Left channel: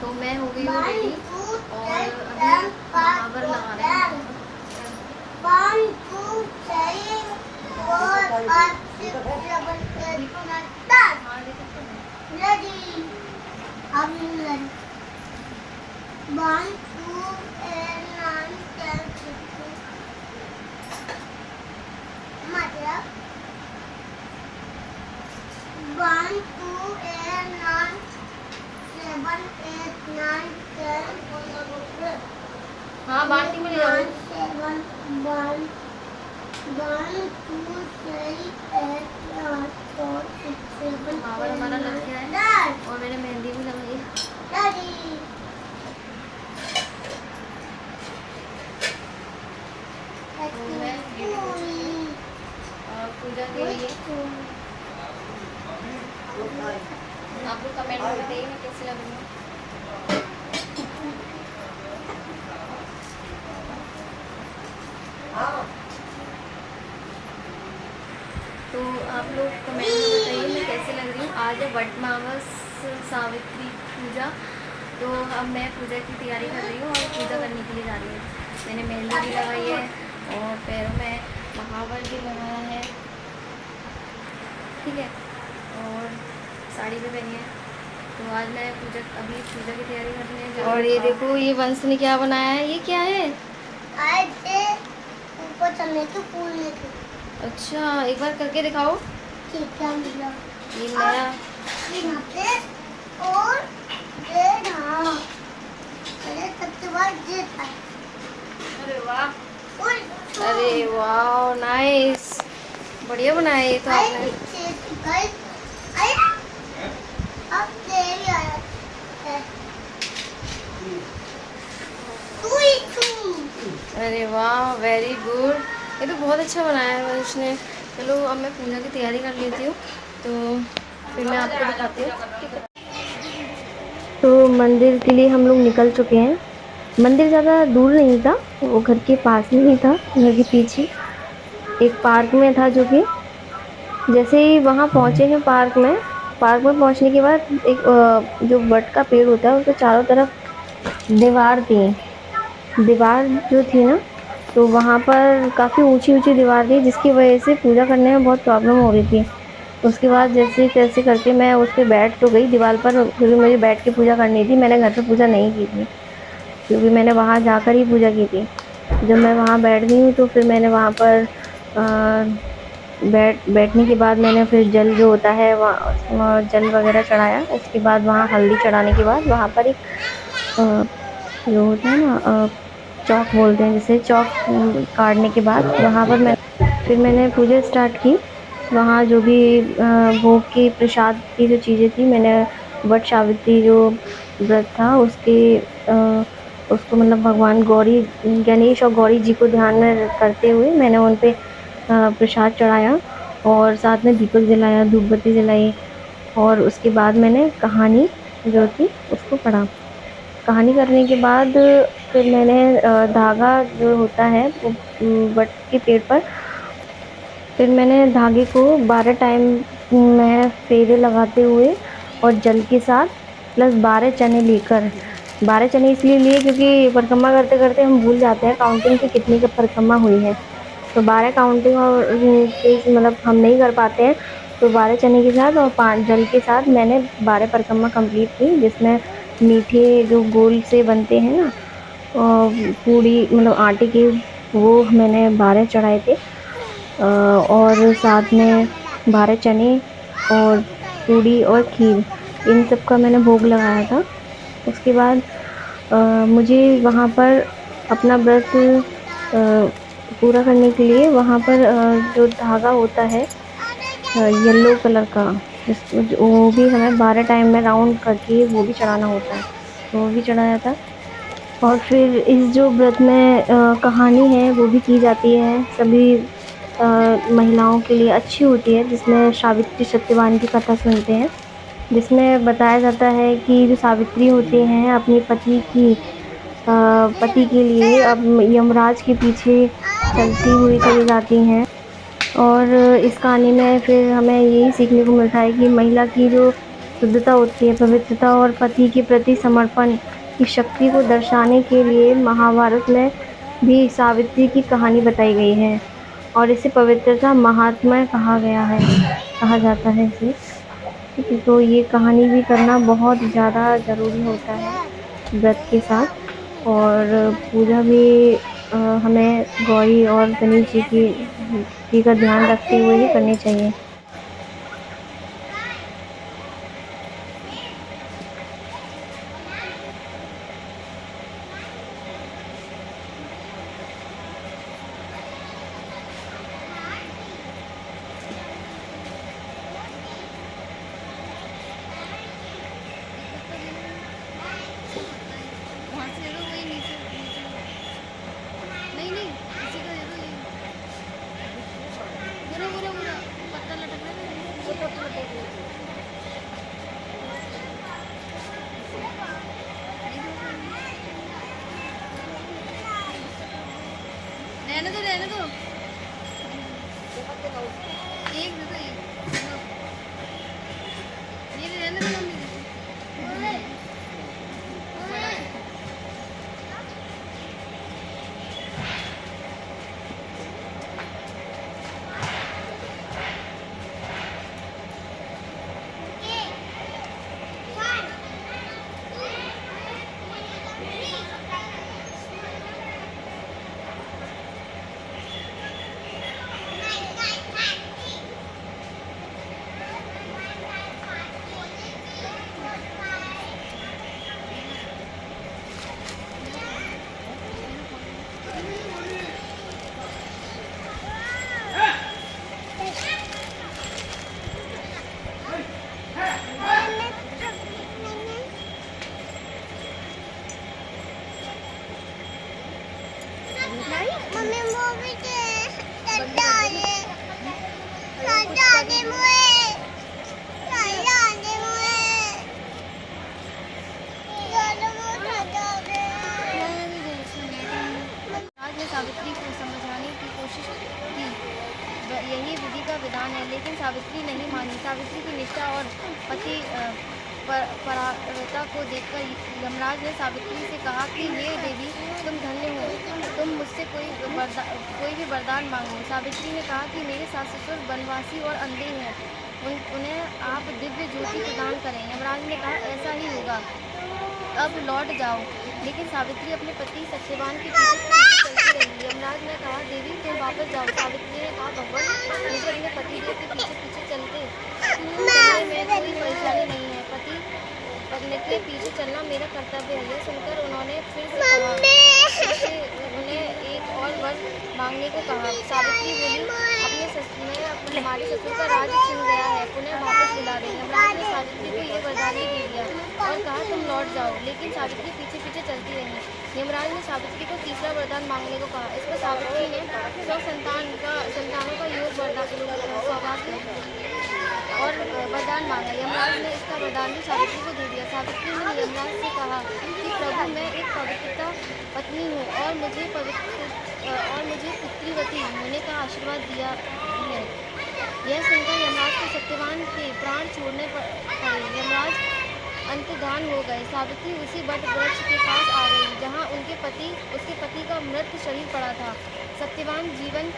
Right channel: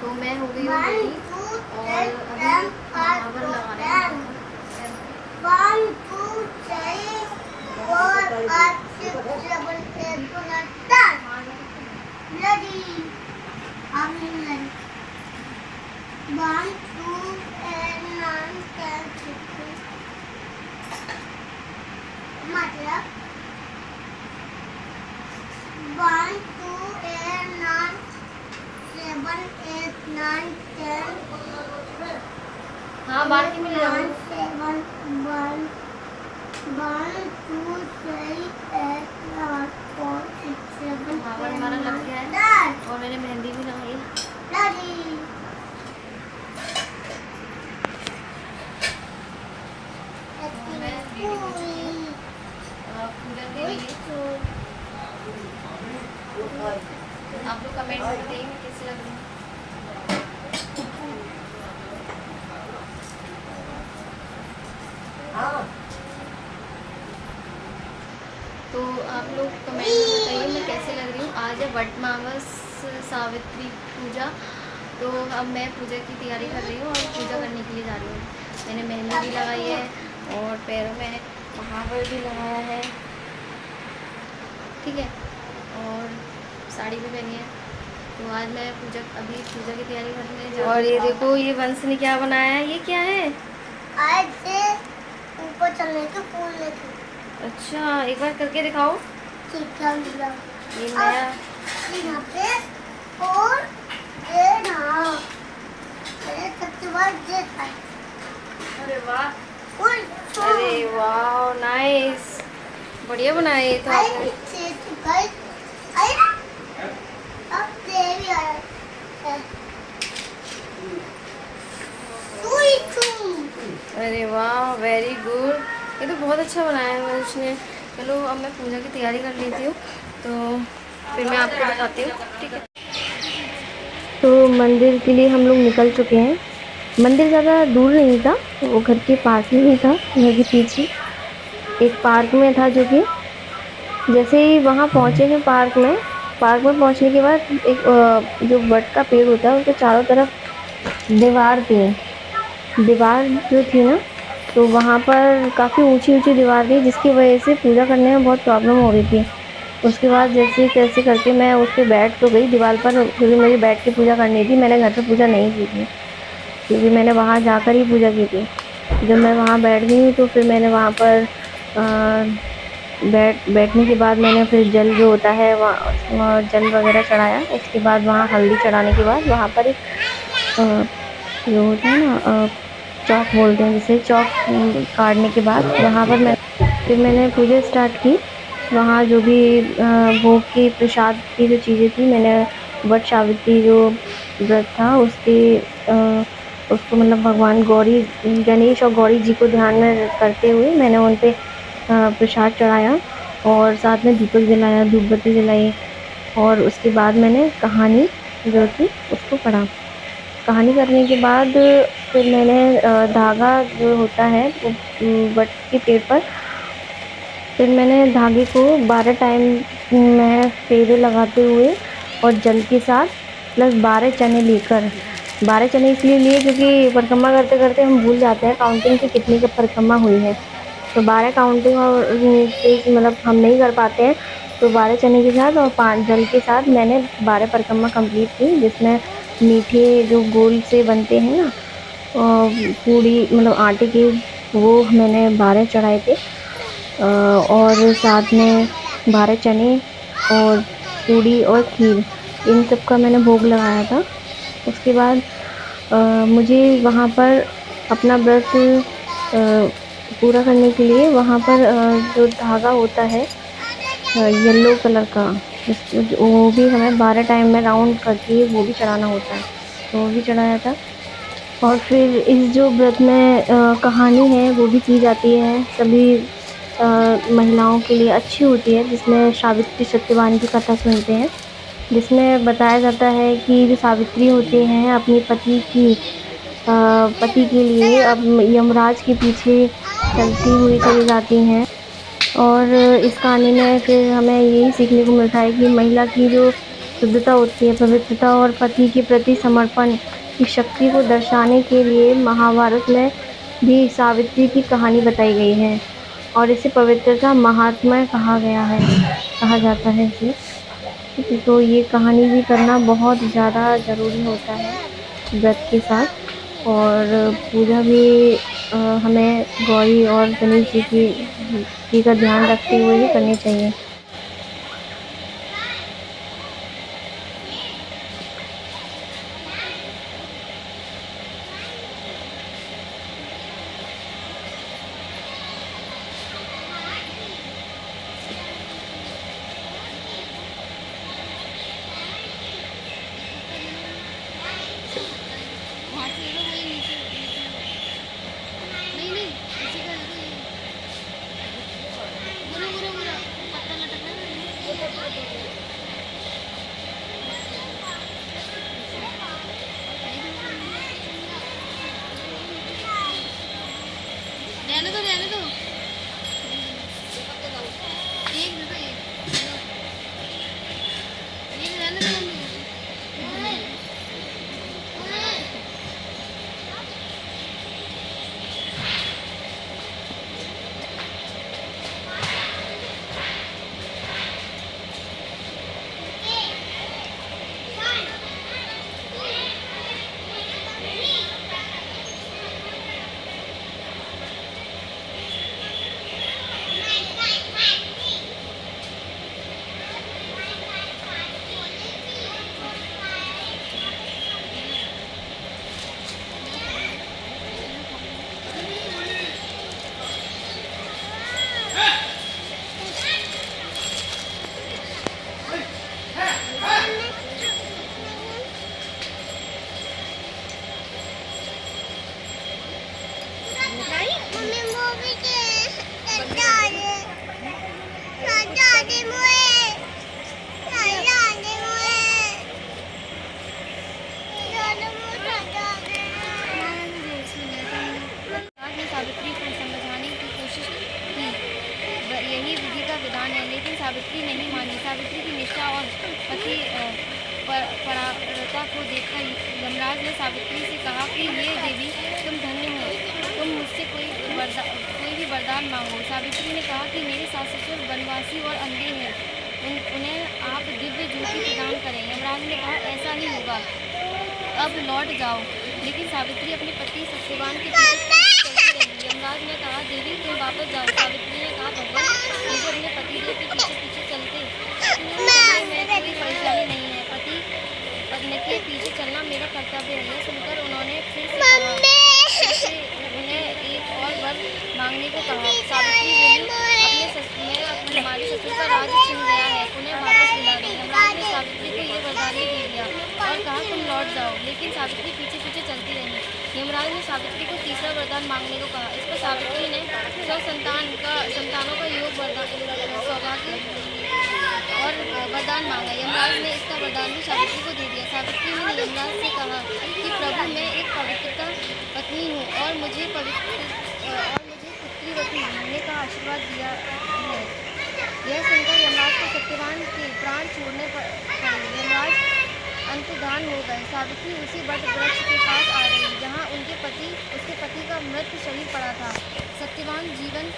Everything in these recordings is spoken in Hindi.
तो मैं हो गई हूँ रेडी और अभी महावर लगा रहे हैं। 1 2 3 4 5 6 7 8 9 10 ready अब मिलन 1 2 8 9 10 मतलब 1 2 8 9 7 8 9 10 हाँ बाल्टी में ले आओ। 7 1 1 2 3 8 9 4 6 7 महावर हमारा लग गया है और मैंने मेहंदी भी लगाई है। Daddy. तो मैं रेडी हो चुकी हूँ पूजा के लिए। आप लोग कमेंट में बताइए मैं कैसे लग रही हूँ। तो आप लोग कमेंट में बताइए मैं कैसे लग रही हूँ। आज है वटमावस सावित्री पूजा, तो अब मैं पूजा की तैयारी कर रही हूँ और पूजा करने के लिए जा रही हूँ। मैंने मेहंदी भी लगाई है और पैरों में महावर भी लगाया है, ठीक है, और साड़ी भी पहनी है। तो आज मैं अभी पूजा की तैयारी करने जा रही हूँ। और ये देखो ये वंश ने क्या बनाया है, ये क्या है? आज ऊपर चलने के फूल लेके। अच्छा एक बार करके दिखाओ। ठीक है मिला। ये नया यहाँ पे और ये ना अरे सबसे बाद ये था। अरे वाह, फूल अरे वाह नाइस, बढ़िया बनाया ये तो आपने। अब तेरी आया है। अरे वाह वेरी गुड, ये तो बहुत अच्छा बनाया है वंश ने। चलो अब मैं पूजा की तैयारी कर लेती हूँ, तो फिर मैं आपको दिखाती हूँ, ठीक है। तो मंदिर के लिए हम लोग निकल चुके हैं। मंदिर ज़्यादा दूर नहीं था, वो घर के पास में ही था, घर के पीछे एक पार्क में था। जो कि जैसे ही वहाँ पहुँचे हैं पार्क में पहुँचने के बाद एक जो वट का पेड़ होता है उसके चारों तरफ दीवार जो थी ना, तो वहाँ पर काफ़ी ऊंची ऊंची दीवार थी, जिसकी वजह से पूजा करने में बहुत प्रॉब्लम हो रही थी। उसके बाद जैसे तैसे करके मैं उस पर बैठ तो गई दीवार पर, क्योंकि मुझे बैठ के पूजा करनी थी। मैंने घर पे पूजा नहीं की थी, क्योंकि मैंने वहाँ जाकर ही पूजा की थी। जब मैं वहाँ बैठ गई हूँ तो फिर मैंने वहाँ पर बैठने के बाद मैंने फिर जल जो होता है वहाँ जल वगैरह चढ़ाया। उसके बाद वहाँ हल्दी चढ़ाने के बाद वहाँ पर एक जो होता है ना चौक बोलते हैं, जैसे चौक काटने के बाद वहाँ पर मैंने पूजा स्टार्ट की। वहाँ जो भी भोग की प्रसाद की जो चीज़ें थी, मैंने वट सावित्री जो व्रत था उसको मतलब भगवान गणेश और गौरी जी को ध्यान में करते हुए मैंने उन पे प्रसाद चढ़ाया और साथ में दीपक जलाया, धूप बत्ती जलाई। और उसके बाद मैंने कहानी जो थी उसको पढ़ा। कहानी करने के बाद फिर मैंने धागा जो होता है वट के पेड़ पर, फिर मैंने धागे को 12 टाइम में फेरे लगाते हुए और जल के साथ प्लस 12 चने लेकर, 12 चने इसलिए लिए क्योंकि परिक्रमा करते करते हम भूल जाते हैं काउंटिंग की कितनी का परिक्रमा हुई है। तो 12 काउंटिंग और मतलब हम नहीं कर पाते हैं, तो 12 चने के साथ और 5 जल के साथ मैंने 12 परिक्रमा कंप्लीट की, जिसमें मीठे जो गोल से बनते हैं ना पूड़ी मतलब आटे के, वो मैंने 12 चढ़ाए थे और साथ में 12 चने और पूड़ी और खीर, इन सब का मैंने भोग लगाया था। उसके बाद मुझे वहाँ पर अपना व्रत पूरा करने के लिए वहाँ पर जो धागा होता है येलो कलर का, वो भी हमें 12 टाइम में राउंड करके वो भी चढ़ाना होता है, तो वो भी चढ़ाया था। और फिर इस जो व्रत में कहानी है वो भी की जाती है, सभी महिलाओं के लिए अच्छी होती है, जिसमें सावित्री सत्यवान की कथा सुनते हैं, जिसमें बताया जाता है कि जो सावित्री होती हैं अपनी पति के लिए अब यमराज के पीछे चलती हुई चली जाती हैं। और इस कहानी में फिर हमें यही सीखने को मिलता है कि महिला की जो शुद्धता होती है। पवित्रता और पति के प्रति समर्पण की शक्ति को दर्शाने के लिए महाभारत में भी सावित्री की कहानी बताई गई है और इसे पवित्रता महात्म्य कहा जाता है इसे। ठीक है, तो ये कहानी भी करना बहुत ज़्यादा ज़रूरी होता है व्रत के साथ। और पूजा भी हमें गौरी और गणेश जी का ध्यान रखते हुए ही करनी चाहिए। रहने दो एक रहने दो सावित्री को समझाने की कोशिश की, यही विधि का विधान है, लेकिन सावित्री नहीं मानी। सावित्री की निष्ठा और पति परायणता को देखकर यमराज ने सावित्री से कहा कि हे देवी, तुम धन्य हो, तुम मुझसे कोई भी वरदान मांगो। सावित्री ने कहा कि मेरे सास ससुर वनवासी और अंधे हैं, उन्हें आप दिव्य ज्योति प्रदान करें। यमराज ने कहा ऐसा ही होगा, अब लौट जाओ। लेकिन सावित्री अपने पति सत्यवान के पीछे चलती रही। यमराज ने कहा देवी, तुम वापस जाओ। सावित्री ने कहा भगवान, मुझे अपने पतिदेव के पीछे चलने में कोई परेशानी नहीं है, पत्नी के पीछे चलना मेरा कर्तव्य है। यह सुनकर उन्होंने फिर से उन्हें एक और वर मांगने को कहा। सावित्री बोली, हमारे ससुर का राज छिन गया है, उन्हें वापस बुला दो। यमराज ने सावित्री को ये वरदान भी दे दिया और कहा तुम लौट जाओ। लेकिन सावित्री पीछे पीछे चलती रही। यमराज ने सावित्री को तीसरा वरदान मांगने को कहा। इस पर सावित्री ने 100 संतानों का योग सौभाग्य और वरदान मांगा। यमराज ने इसका वरदान भी सावित्री को दे दिया। सावित्री ने यमराज से कहा कि प्रभु, मैं एक पवित्रता पत्नी हूँ और मुझे पुत्रीवती होने का आशीर्वाद दिया है। यह सुनकर यमराज को सत्यवान के प्राण छोड़ने पड़े। यमराज अंतर्धान हो गए। सावित्री उसी वट वृक्ष के पास आ गई जहाँ उसके पति का मृत शरीर पड़ा था। सत्यवान जीवन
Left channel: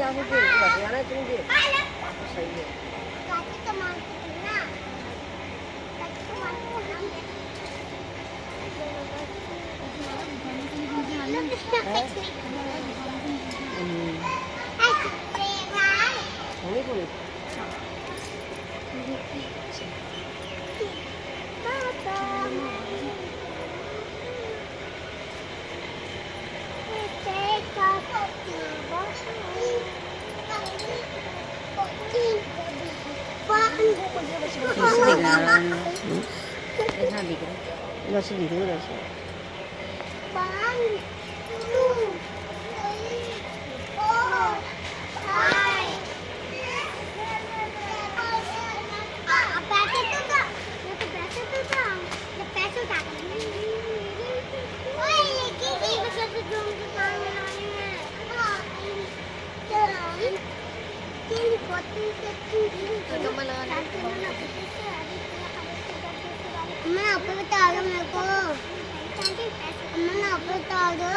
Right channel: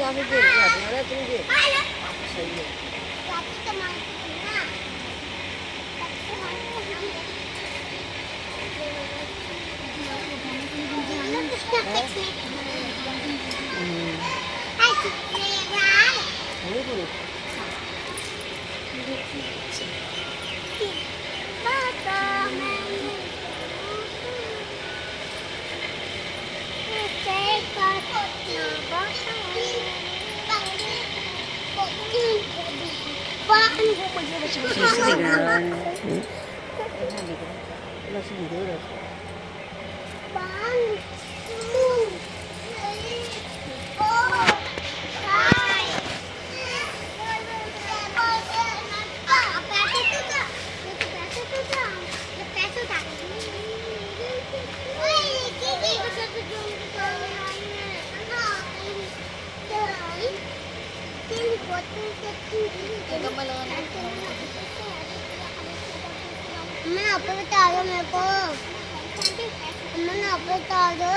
या फिर तुम दे सही है। कैसे दिख रहा है? ऐसा दिख रहा है, इधर से दिख रहा है, इधर से। मैं आपको बता दो मेरे को, मैं आपको बता दो।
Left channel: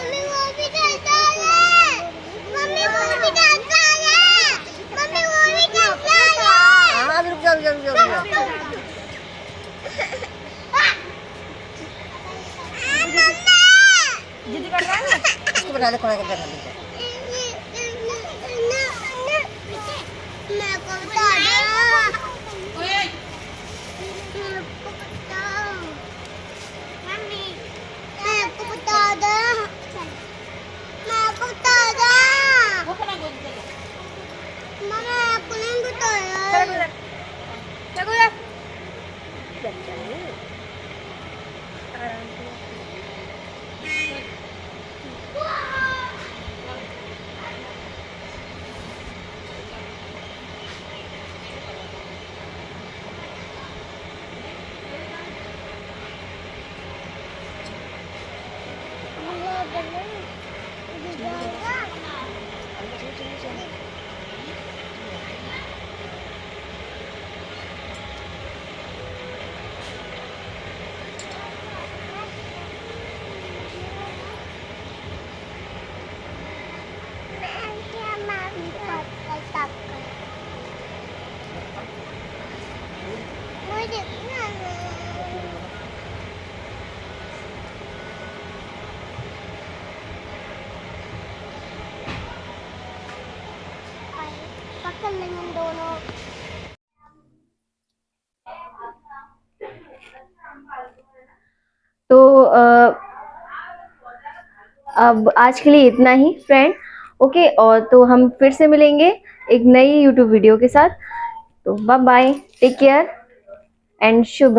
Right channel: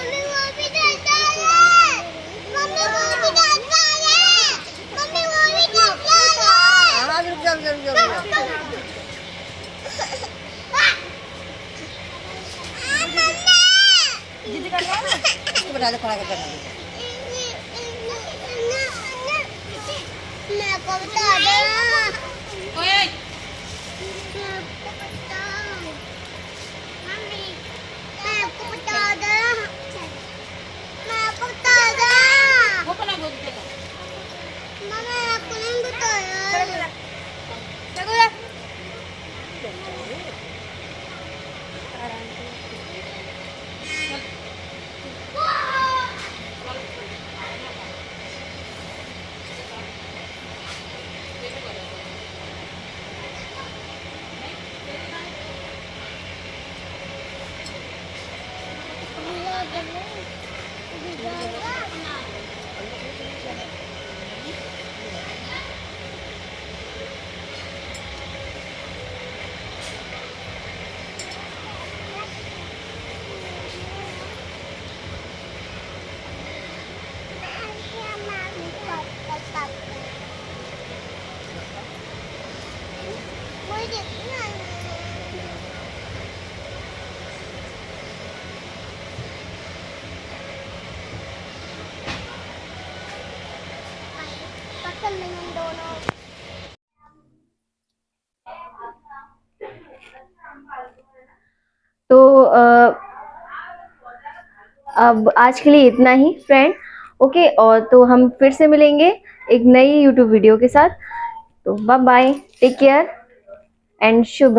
मम्मी वो भी जाता है, मम्मी वो भी जाता है, मम्मी वो भी जाता है। हाँ रुक जा, रुक जा, रुक जा। जिद कर रहा है ना, इसको बता दे खड़ा कर दे। मैं को बता दो। ओए मम्मी मैं को बता दो, मैं को बता दो। वो पड़ा गोभी का। मम्मा आपको नहीं बताया। चलो यार। आराम से। तो अब आज के लिए इतना ही फ्रेंड। ओके, और तो हम फिर से मिलेंगे एक नई यूट्यूब वीडियो के साथ। तो bye bye, take care and शुभ रात्रि।